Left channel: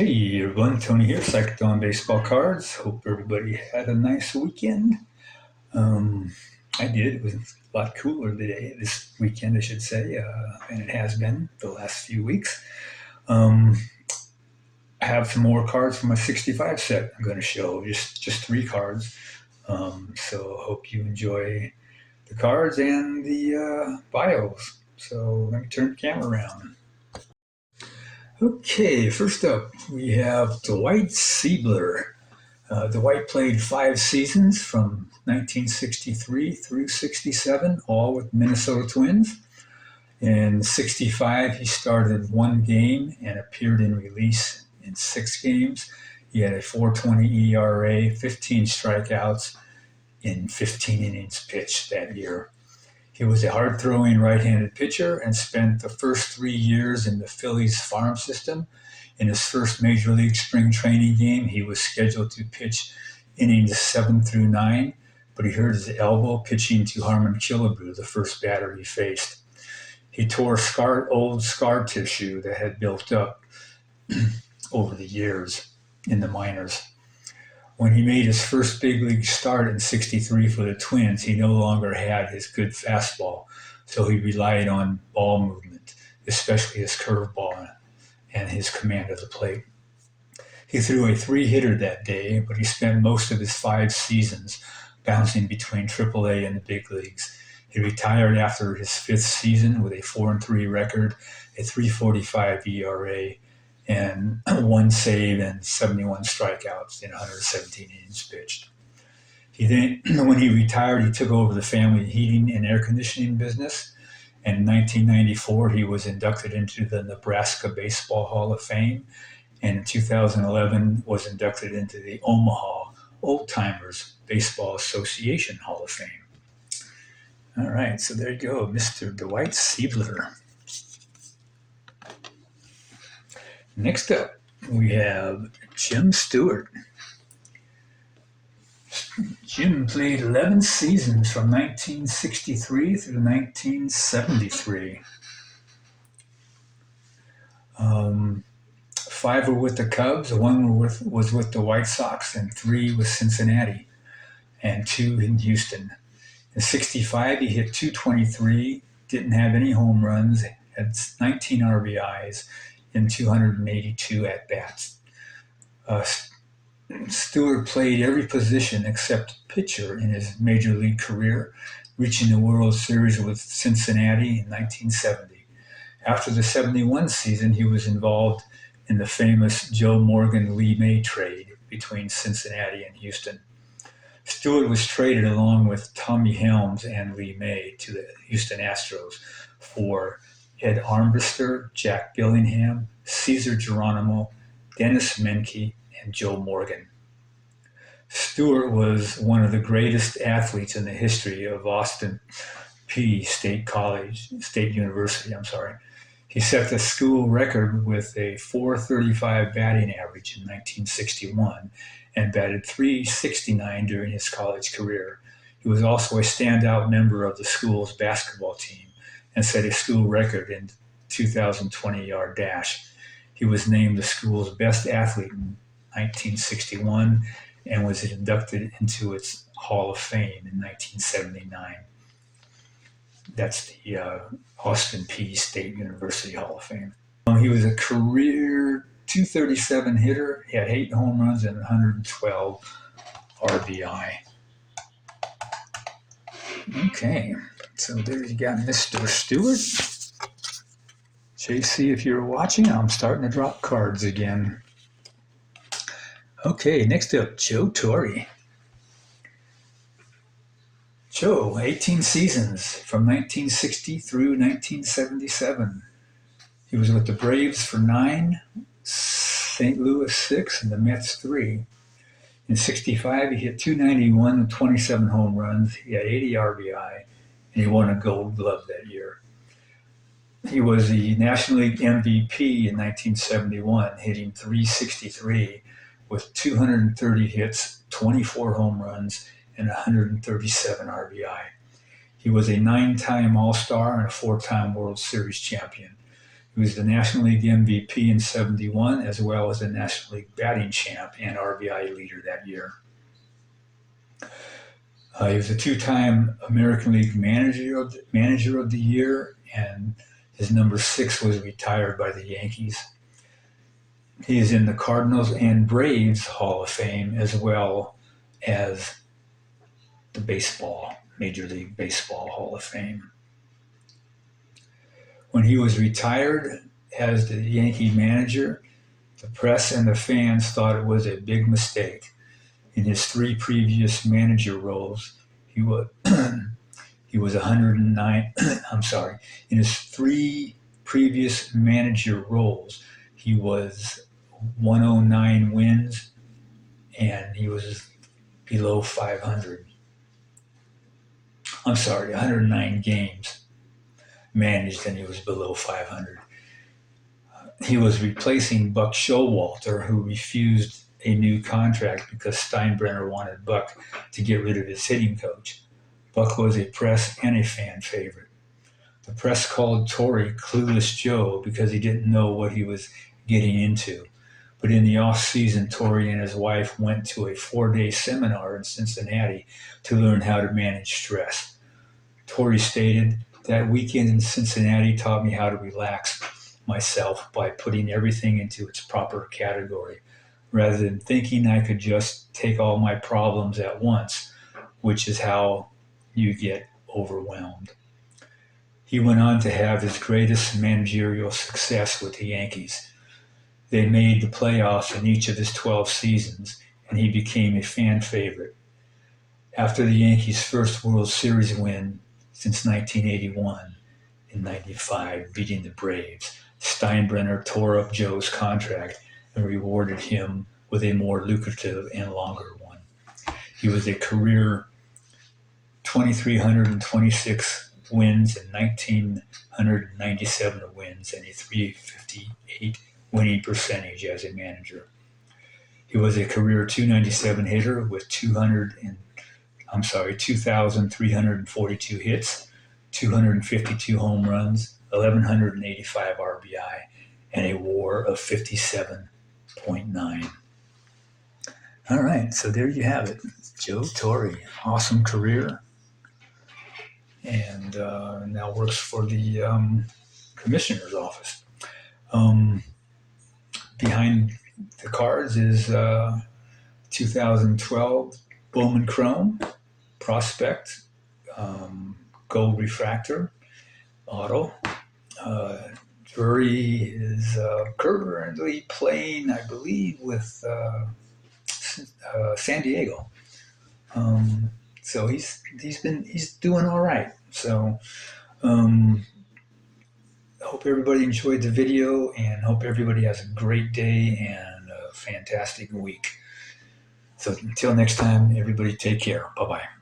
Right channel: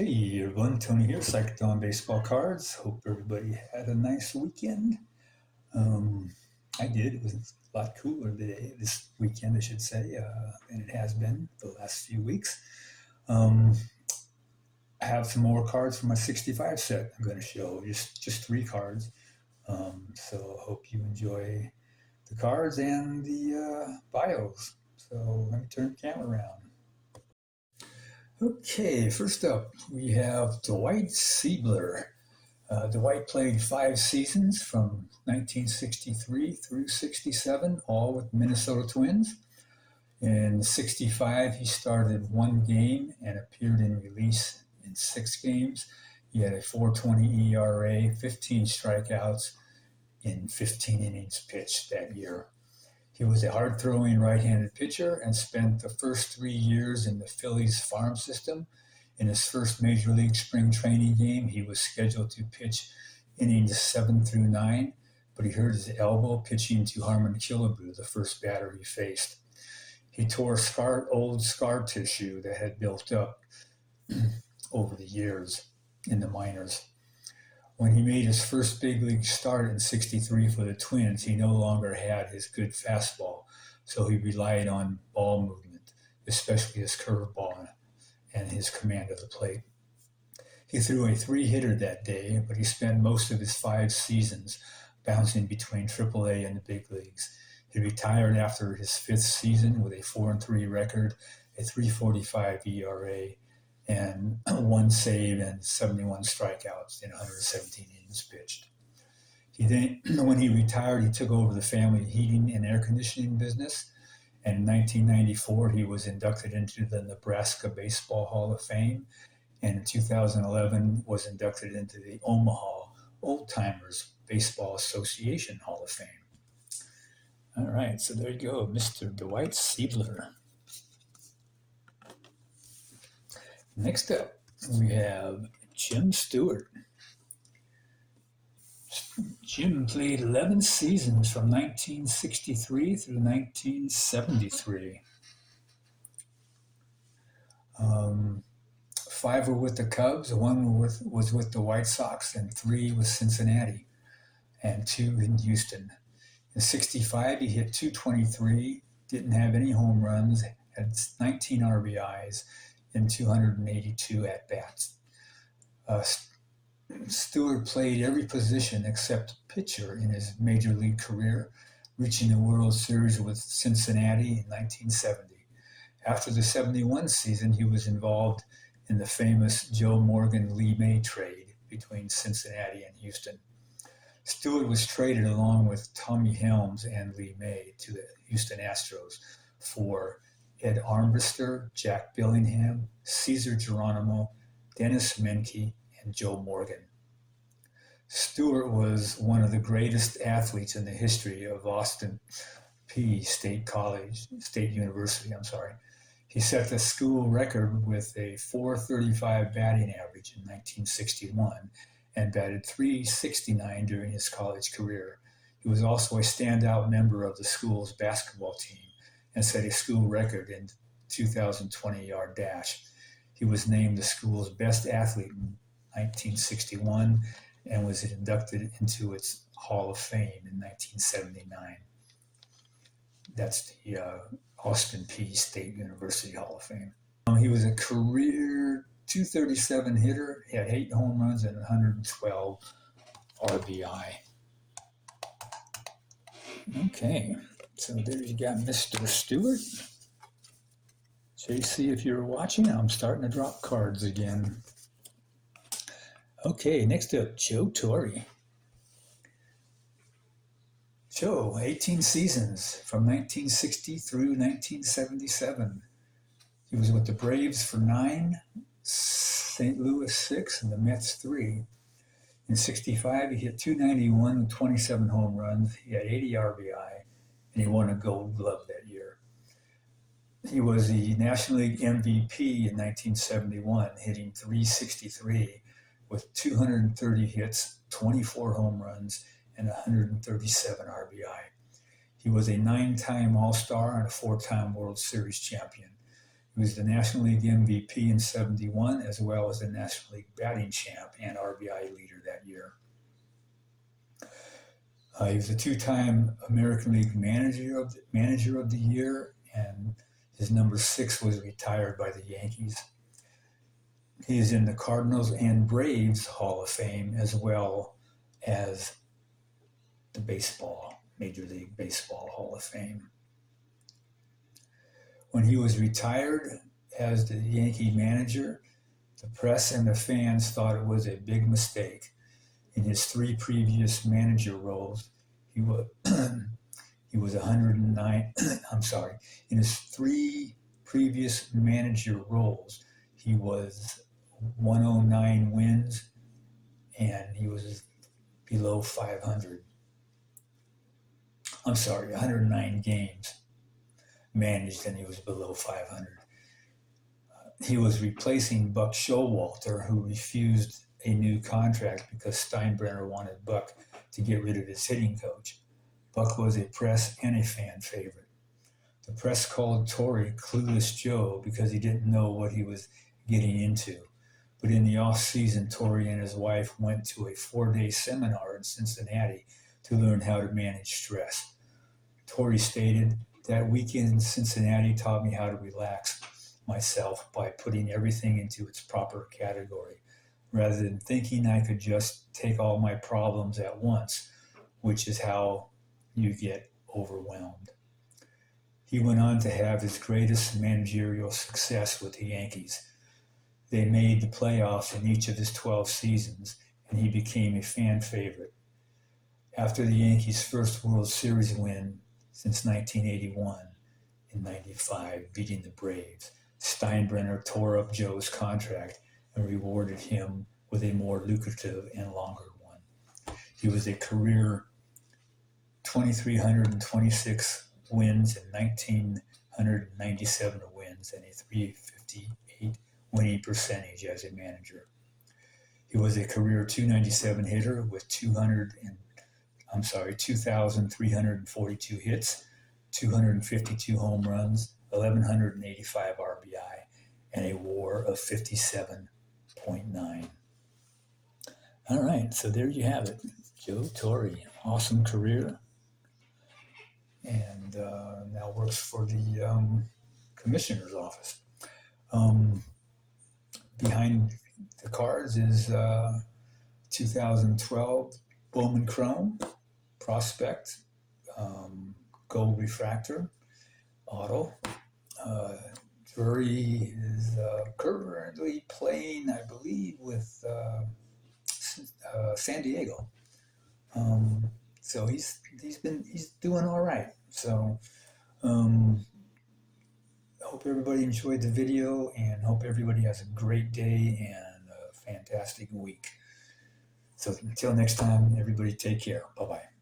Hey everyone, Tony here, Psych'd on Baseball Cards. Hope everybody had a nice weekend. Um, I did. It was a lot cooler today, this weekend, I should say, than it has been the last few weeks. Um, I have some more cards from my 65 set I'm going to show, just three cards. So hope you enjoy the cards and the bios. So let me turn the camera around. Okay, first up, we have Dwight Sieber. Dwight played 5 seasons from 1963 through 67, all with Minnesota Twins. In 65, he started one game and appeared in relief in 6 games. He had a 4.20 ERA, 15 strikeouts in 15 innings pitched that year. He was a hard-throwing right-handed pitcher and spent the first 3 years in the Phillies farm system. In his first Major League spring training game, he was scheduled to pitch innings 7 through 9, but he hurt his elbow pitching to Harmon Killebrew, the first batter he faced. He tore old scar tissue that had built up over the years in the minors. When he made his first big league start in 63 for the Twins, he no longer had his good fastball, so he relied on ball movement, especially his curveball and his command of the plate. He threw a three-hitter that day, but he spent most of his 5 seasons bouncing between AAA and the big leagues. He retired after his 5th season with a 4-3 record, a 3.45 ERA, and 1 save and 71 strikeouts in 117 innings pitched. When he retired, he took over the family heating and air conditioning business. And in 1994, he was inducted into the Nebraska Baseball Hall of Fame. And in 2011, was inducted into the Omaha Old Timers Baseball Association Hall of Fame. All right, so there you go, Mr. Dwight Sieber. Next up, we have Jim Stewart. Jim played 11 seasons from 1963 through 1973. 5 were with the Cubs, 1 was with the White Sox, and 3 with Cincinnati, and 2 in Houston. In 65, he hit .223, didn't have any home runs, had 19 RBIs in 282 at-bats. Stewart played every position except pitcher in his major league career, reaching the World Series with Cincinnati in 1970. After the 71 season, he was involved in the famous Joe Morgan-Lee May trade between Cincinnati and Houston. Stewart was traded along with Tommy Helms and Lee May to the Houston Astros for Ed Armbruster, Jack Billingham, Cesar Geronimo, Dennis Menke, and Joe Morgan. Stewart was one of the greatest athletes in the history of Austin State University. He set the school record with a .435 batting average in 1961 and batted .369 during his college career. He was also a standout member of the school's basketball team and set a school record in 2020-yard dash. He was named the school's best athlete in 1961 and was inducted into its Hall of Fame in 1979. That's the Austin State University Hall of Fame. He was a career .237 hitter. He had 8 home runs and 112 RBI. Okay, so there you got Mr. Stewart. JC, if you're watching, I'm starting to drop cards again. Okay, next up, Joe Torre. Joe, 18 seasons from 1960 through 1977. He was with the Braves for 9, St. Louis 6, and the Mets 3. In 65, he hit .291 and 27 home runs. He had 80 RBI, and he won a Gold Glove that year. He was the National League MVP in 1971, hitting .363 with 230 hits, 24 home runs, and 137 RBI. He was a 9-time All-Star and a 4-time World Series champion. He was the National League MVP in '71, as well as the National League batting champ and RBI leader that year. He was a two-time American League Manager of the Year, and his number 6 was retired by the Yankees. He is in the Cardinals and Braves Hall of Fame, as well as the Major League Baseball Hall of Fame. When he was retired as the Yankee manager, the press and the fans thought it was a big mistake. In his 3 previous manager roles, he was 109. I'm sorry. In his 3 previous manager roles, he was 109 wins, and he was below 500. I'm sorry, 109 games managed, and he was below 500. He was replacing Buck Showalter, who refused a new contract because Steinbrenner wanted Buck to get rid of his hitting coach. Buck was a press and a fan favorite. The press called Torre Clueless Joe because he didn't know what he was getting into. But in the off-season, Torre and his wife went to a 4-day seminar in Cincinnati to learn how to manage stress. Torre stated, "That weekend in Cincinnati taught me how to relax myself by putting everything into its proper category, rather than thinking I could just take all my problems at once, which is how you get overwhelmed." He went on to have his greatest managerial success with the Yankees. They made the playoffs in each of his 12 seasons, and he became a fan favorite. After the Yankees' first World Series win since 1981, in '95, beating the Braves, Steinbrenner tore up Joe's contract and rewarded him with a more lucrative and longer one. He was a career 2,326 wins and 1,997 wins and a .358 winning percentage as a manager. He was a career .297 hitter with 2,342 hits, 252 home runs, 1,185 RBI, and a WAR of 57.9. All right, so there you have it. Joe Torre, awesome career, and now works for the commissioner's office. Behind the cards is 2012 Bowman Chrome Prospect Gold Refractor Auto. Drury is currently playing, I believe, with San Diego. So he's doing all right. So hope everybody enjoyed the video, and hope everybody has a great day and a fantastic week. So until next time, everybody take care. Bye-bye.